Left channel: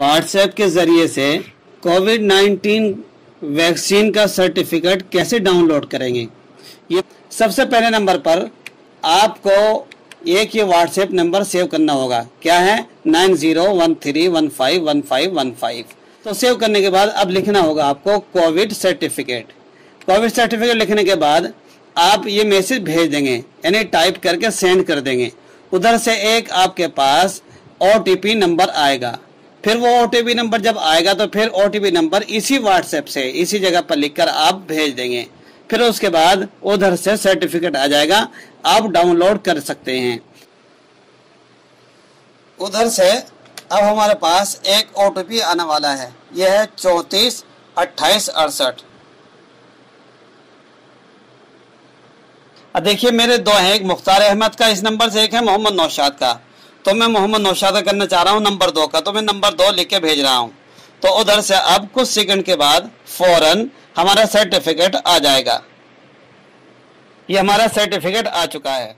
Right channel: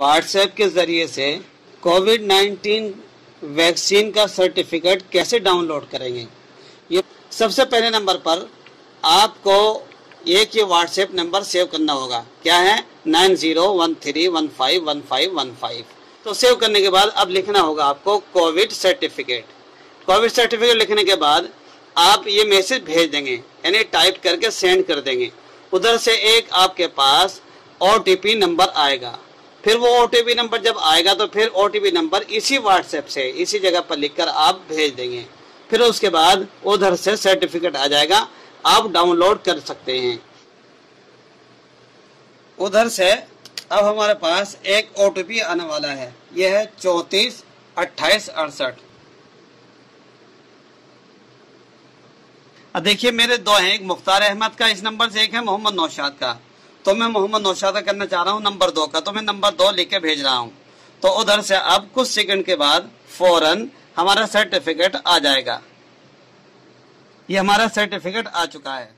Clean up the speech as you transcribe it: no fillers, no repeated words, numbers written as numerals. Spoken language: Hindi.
व्हाट्सएप के ज़रिए से कोविड-19 वैक्सीन का सर्टिफिकेट कैसे डाउनलोड करेंगे। ये सबसे पहले नंबर पर आपको एक ये व्हाट्सएप नंबर सेव करना होगा। क्या है? 9013151515। तो सेव करने के बाद अब लिखना होगा आपको कोविड सर्टिफिकेट। कोविड सर्टिफिकेट लिखने के बाद आप ये मैसेज भेज देंगे, यानी टाइप करके सेंड कर देंगे। उधर से एक आपके पास OTP नंबर आएगा। फिर वो OTP नंबर जब आएगा तो फिर OTP नंबर इसी व्हाट्सएप से इसी जगह पर लिखकर आप भेज देंगे। फिर उसके बाद उधर से सर्टिफिकेट आ जाएगा, आप डाउनलोड कर सकते हैं। उधर से अब हमारे पास एक OTP आने वाला है, यह है 342868। अब देखिए मेरे दो हैं, एक मुख्तार अहमद का इस नंबर से, एक है मोहम्मद नौशाद का। तो मैं मोहम्मद नौशाद का करना चाह रहा हूँ नंबर 2 का, तो मैं नंबर 2 लिख के भेज रहा हूँ। तो उधर से अब कुछ सेकंड के बाद फौरन हमारा सर्टिफिकेट आ जाएगा। ये हमारा सर्टिफिकेट आ चुका है।